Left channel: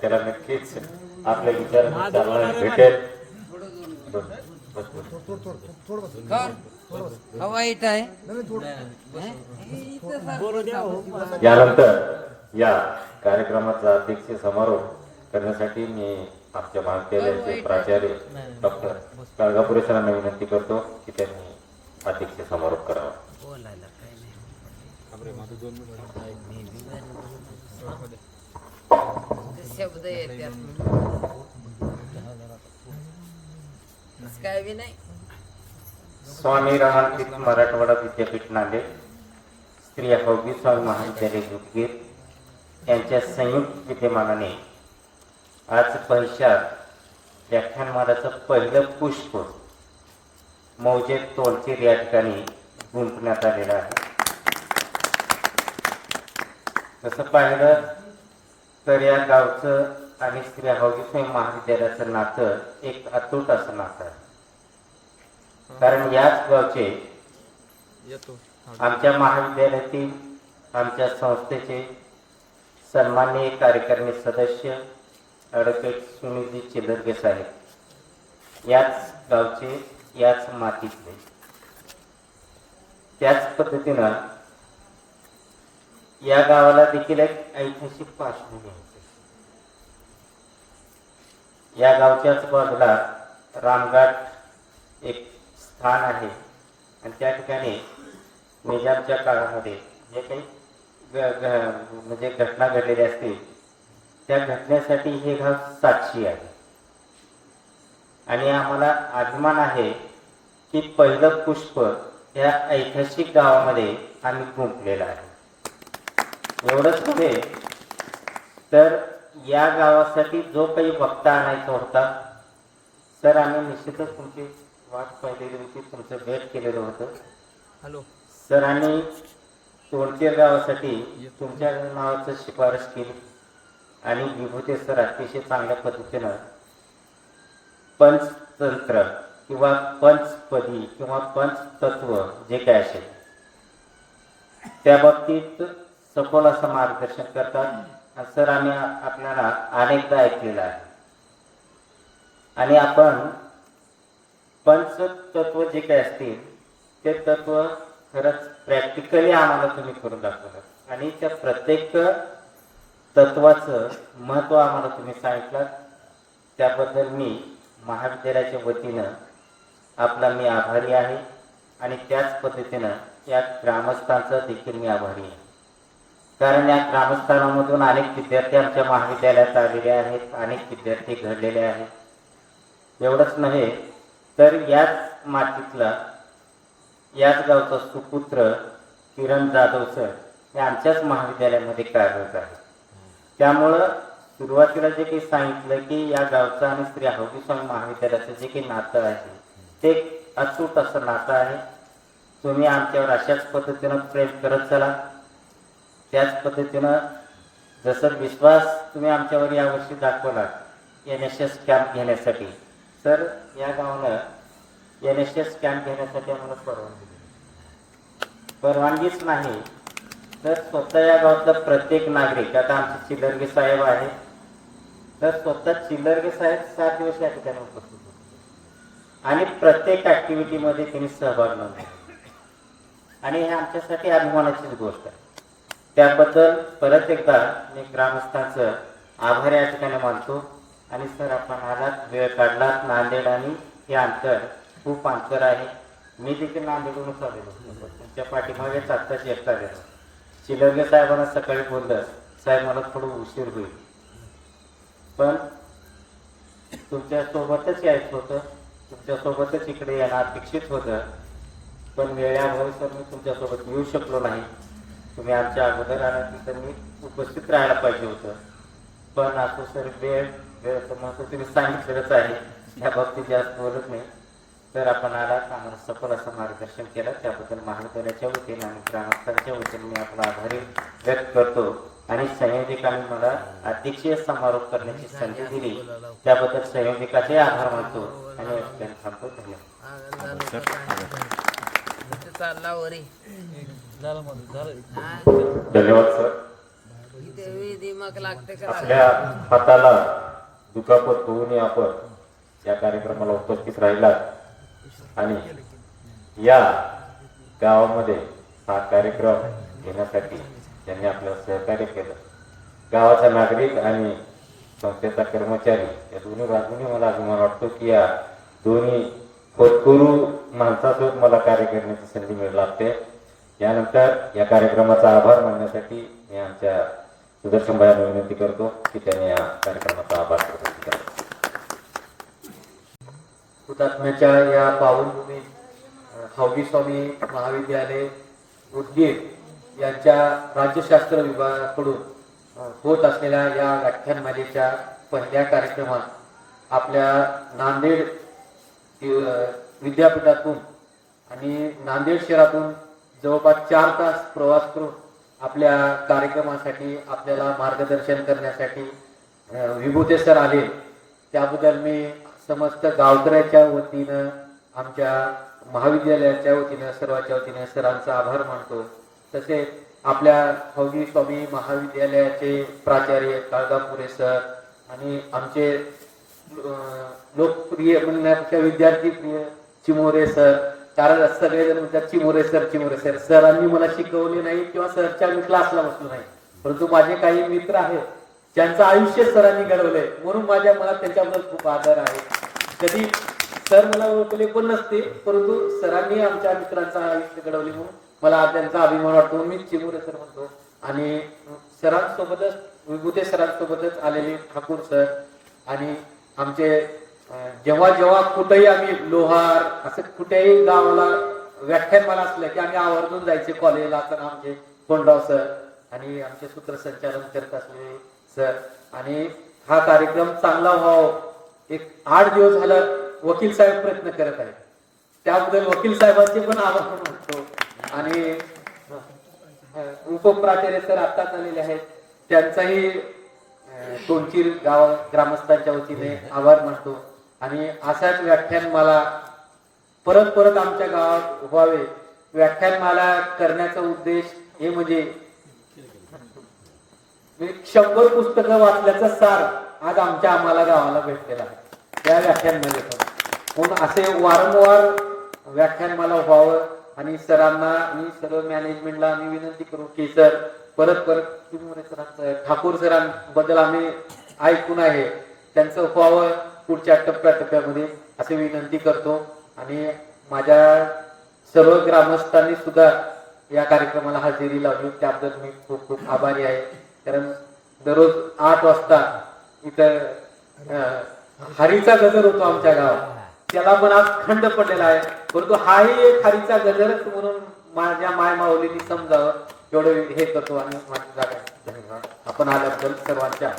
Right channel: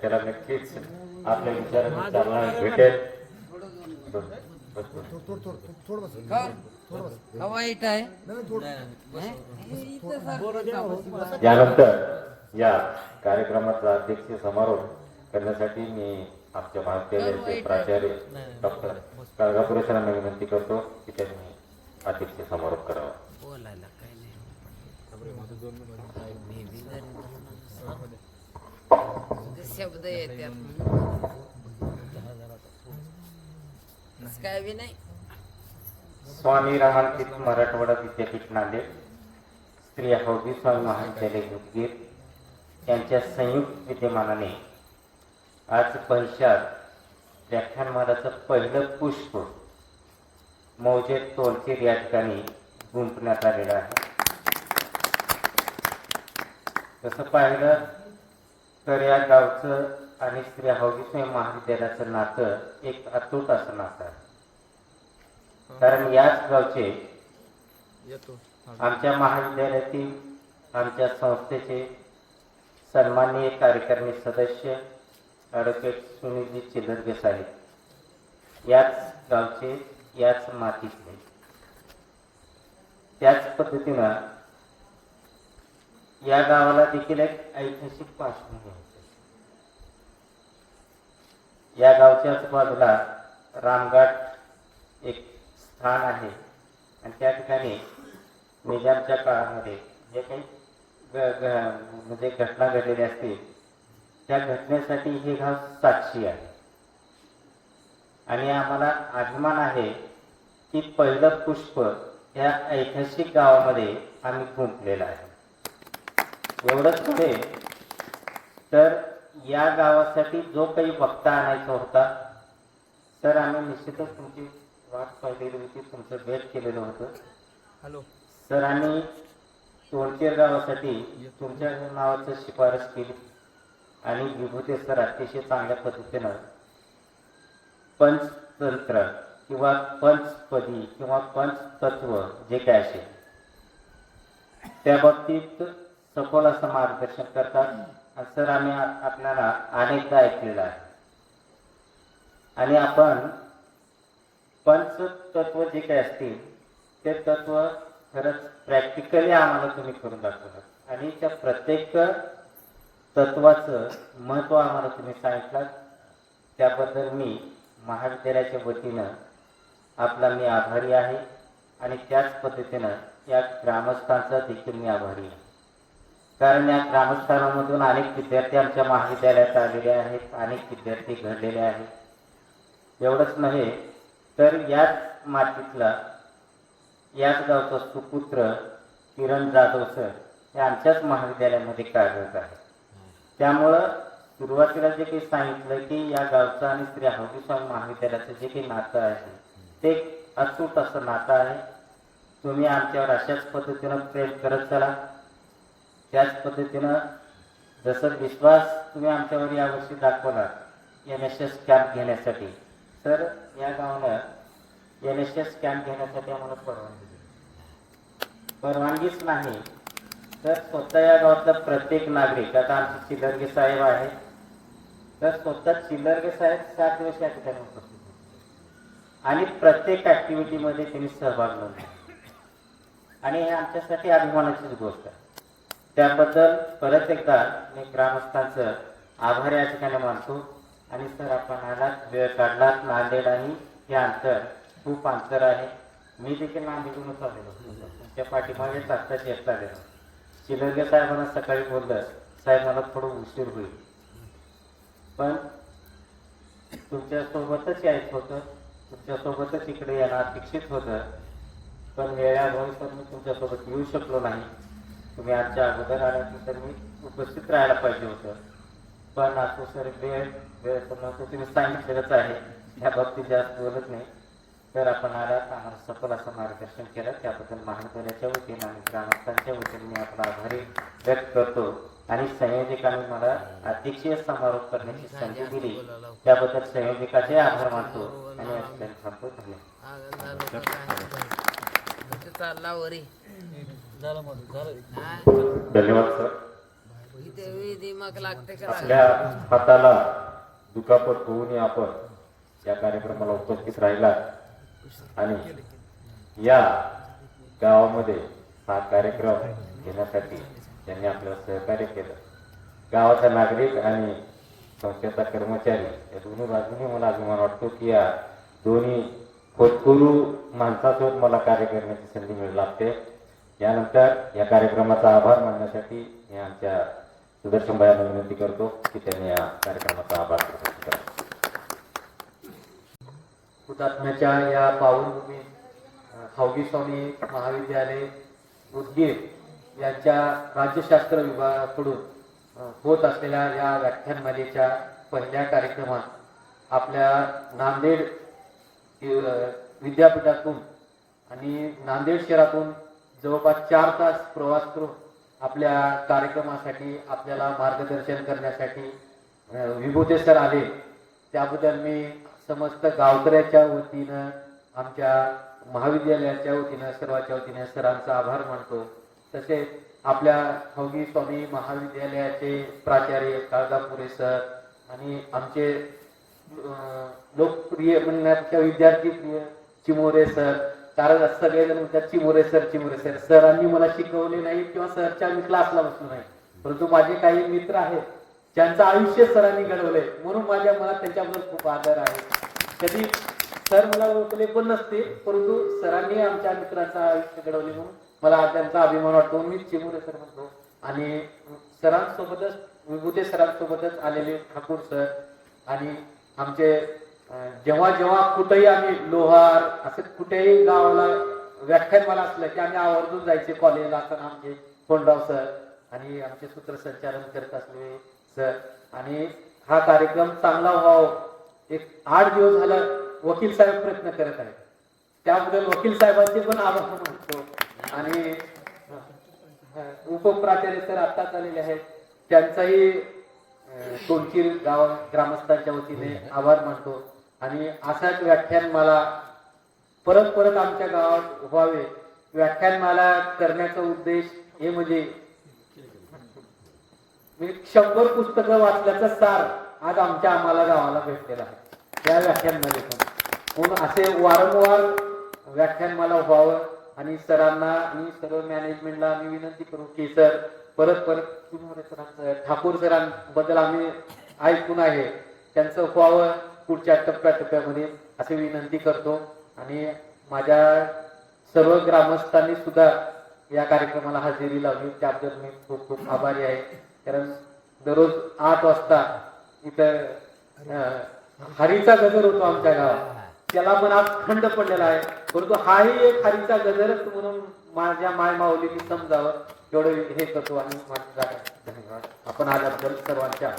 त्याला नक्कीच आपले विचार चालना भेटेल. हवा येत आहे. यानंतर या कार्यक्रमाचा अध्यक्ष समारोप करण्यासाठी मी आमच्या महाविद्यालयाचे प्राचार्य डॉक्टर गाळगापुरे सरांना विनंती करतो की त्यांनी अध्यक्ष समारोप करावा. शब्द येतात काय बी नाही. स्वामी रामातीर्थ मराठवाडा विद्यापीठ नांदेड, श्री हौबी स्वामी महाविद्यालय उदगीर यांच्या संयुक्त विद्यमानाने आज भविष्यात व्याख्यानमालाचं पहिलं पुष्प मौजे तोलचेर या ठिकाणी गुंतवण्यात आलेलं आहे. तसं पाहिलं तर या गावचं आणि श्री हौबी स्वामी महाविद्यालयाचं नातं एक अतूट असं नातं आहे. कारण याच गावचे आमच्या महाविद्यालयातील आमच्या संस्थेचे सन्माननीय कार्यकारिणी सदस्य ॲडव्होकेट सुनीलजी चिलरगे साहेब याच गावचे, याच मातीतले. त्याच पद्धतीनं या गावाला देखील एक ऐतिहासिक पार्श्वभूमी आहे. या गावच्याच बाजूला रामघाट एक स्थान आहे आणि त्या ठिकाणी निजामच्या काळामध्ये जे काही म्हणजे घटना घडलेल्या असतील त्या घटनेसाठी हे गाव साक्षी आहे. आणि आम्हाला अभिमान आहे की पहिलं पुष्प या ऐतिहासिक गावामध्ये आम्ही गुंतलेलं आहे. एवढंच नव्हे तर या गावासाठी जो काही वक्ता आणायचा होता सर, आम्ही निश्चितच तुमची वाट पाहिलेली होती, तुमचं भेट केलेलं होतं. हॅलो सर, आम्ही तोलचेर गावासाठी तुमच्या नावाचं शिफारस केली आणि विभूते सर अतिशय चांगल्या पद्धतीनं पंचतंत्र किंवा पंचपदी किंवा पंचतत्व जे काय असेल त्या बाबतीत सखोल असं मार्गदर्शन करतात. सर, आम्ही आपल्याला अनेकदा ऐकलेलं आहे आणि आपण पंचतत्व जे काही असतील ते तत्व खरंच प्रॅक्टिकली आम्हाला तुम्ही करून दाखवलं आणि त्या प्रत्येक तत्वाचं महत्त्व आम्हाला तुम्ही सांगितलं. त्याबद्दल मी महाविद्यालयाच्या वतीनं आपला मी आभारी आहे आणि त्याच पद्धतीनं या ग्रामस्थांचा देखील मी आभारी आहे. कारण या ग्रामस्थानामधून अनेक विद्यार्थी आमच्या महाविद्यालयात आलेले आहेत, अनेक विद्यार्थी घडलेले आहेत. एवढंच नव्हे तर याच मातीतला याच गावचा सुपुत्र किरण जाधव सर हे आमच्याच महाविद्यालयामध्ये कार्यरत आहे. त्यामुळं सुरुवातीला जे काही सांगितलं की या गावचं आणि श्री हौबी स्वामी महाविद्यालयाचं जे काही नातं आहे ते अचूक असं नातं आहे. तुम्ही आमच्यावर अशाच पद्धतीनं प्रेम करत चला. त्याच पद्धतीनं जसं विश्वास तुम्ही आमच्यावर यावर्षी दाखवला NSS कॅम्प घेण्यासाठी, तर या गावाला NSS कॅम्प घेण्यासाठी आम्हाला परवानगीच नाही तर स्वतः या गावातला प्रत्येक नागरिक, आता आमचे चिलरगे साहेब आहे तर स्वतः चिलरगे साहेब 7 दिवस या ठिकाणी उपस्थित होते आणि प्रत्येक ऍक्टिव्हिटीमध्ये त्यांनी सहभाग नोंदवला आणि हे आमच्यासाठी अभिमानाचीच गोष्ट आहे. त्याबद्दल परत एकदा मी ग्रामस्थांचं आभार या ठिकाणी मानतो. आणि सर, आपण आलात, वेळ काढलात. नांदेड आणि हे अंतर खूप अंतर आहे. मी देखील नांदेडूनच आलेलो, त्या पाठीमागेच आत्ताच येत आलेलो. चिलरगे साहेबांना सकाळी बोललं, साहेब मला थोडं उशीर होईल पण तुमच्यासोबतच यायचं होतं, तुमच्यासोबतच इकडे येणं अपेक्षित होतं पण वेळेअभावी सर मी तुमच्यासोबत येऊ शकलो नाही. तुम्ही आमच्या अगोदर आला तर मी उपस्थित राहायला पाहिजे होतं पण असं सर वेळचं महत्त्व तुम्ही सांगितलेलंच आहे, त्या बाबतीत जास्त बोलत नाही. तर आपण आला आम्हाला सफल असं मार्गदर्शन केलं त्याबद्दल महाविद्यालयाच्या वतीने आणि ग्रामस्थांच्या वतीने मी आपला आभारी व्यक्त करतो. आणि संयोजकांनी मला अध्यक्षीय समारोप करण्याची संधी दिली त्याबद्दल संयोजकाचे आभार मानतो आणि थांबतो. धन्यवाद. धन्यवाद सर. विधी मग लागते करायला. आपल्या हाताला दुखापत होऊ नये आपण या कार्यक्रमाला उपस्थित राहिला आणि या गावामध्ये हा कार्यक्रम घेण्यासाठी त्यांनी आपल्याला सहकार्य केलं. गावाचा नागरिक आणि संस्थेचा कर्मचारी या दोन्ही बाजूने मला अभिमान वाटतो की या दोन्ही होतकरू माणसासोबत मला कार्य करण्याची संधी मिळू लागते. यानंतर या कार्यक्रमाचा आभार मानण्यासाठी मी आमच्या सुदर्शन भाईंना विनंती करतो की त्यांनी या कार्यक्रमाचा आभार प्रकट करावा. हुतात्म्याच्या या पावनभूमीत हौगी स्वामी महाविद्यालय उदगीर यांच्या राज्यशास्त्र विभागाकडून होत असलेल्या या व्याख्यानमालेच्या पहिल्या कार्यक्रमात आपल्या नांदेड विद्यापीठातून आणि नांदेड शहरातून जवळपास 4 तास प्रवास करून आपल्या कार्यक्रमासाठी आपल्याला मार्गदर्शन करण्यासाठी विभूते सर आले. त्याबद्दल मी समस्त गावकऱ्याच्या वतीनं आमच्या महाविद्यालयाच्या वतीनं सर्वांच्या वतीनं सरांचा आभार मानतो. तसेच आपल्या हौगी स्वामी महाविद्यालयाचे प्राचार्य काळगापुरे सर आणि आमचे लोकप्रिय म्हणण्यापेक्षा विद्यार्थी प्रिय चिमोरे सर, कारण सगळेजण म्हणतात चिमोरे सर. सरांनी मला शिकवले नाही किंवा सरच्या मी क्लासला बसलो नाही, परंतु माझे काही मित्र आहेत ज्यांचं आयुष्य सरांनी घडवलंय, म्हणून माझ्या मनात त्यांच्याबद्दल खूप आदर आहे. कधी सर मला ओळखले पण नसते, परंतु सरांनी आमच्या मित्रांचं आयुष्य घडवले म्हणून मला त्यांचा अभिमान वाटतो. मी चिमोरे सर म्हणतो. आणि सरांसोबतच विभूते सरांसोबतच आलेले ठाकूर सर आणि आमचे जेव्हा कुठेही आम्ही लोहार असं कुठेही गावाला व्याख्यानमाला असलं की आम्ही आवर्जून जायचे कॉलेजला असताना आमचे कोंडराव सर आणि आमचे सूत्रसंचालन करत असलेले सर. आणि हा कार्यक्रम चांगला व्हावा, एक 8 दिवस झालं वकील साहेब प्रयत्न करत आहेत, त्याबद्दल वकील साहेबांचे पण आभार मानतो. आणि उपप्राचार्य सर आत्ताच आलेले आहेत, त्यांचाही तोंडचीर गाव ग्रामस्थांच्या वतीने आभार मानतो. आणि असाच व्याख्यानमाला परत आमच्या गावात व्हावे, व्याख्यानमाला करण्याचा उद्देश हे म्हणजे 100 पुस्तकं वाचल्याचा सार आज आम्हाला गावाला भेटलेला आहे या व्याख्यानमालेतून. म्हणून असे वारंवार व्याख्यानमाला व्हावं आणि सरांना आणि सर्व मॅनेजमेंटला आम्ही विनंती करू की सर परत ठाकूर सरांबद्दल आम्ही ऐकून आहे, त्यांचं व्हावं पुढच्या टप्प्यामध्ये असे विनंती करतो. आणि माझ्या सर्व ग्रामस्थांनी सुद्धा या कार्यक्रमाला हजेरी लावली, त्याबद्दल मी खूप खूप आभारी आहे. कारण दररोज 8 वाजता इथं हरीचा गजर होतो आमच्या गावात, त्याला पण आज खंड पडलेला आहे, परंतु हाही एक हरीचा गजरच म्हणून माझ्या मायमाऊलींनी समजावं एवढं हे करतो. आणि धन्यवाद आपण आल्याबद्दल सर्वांच्या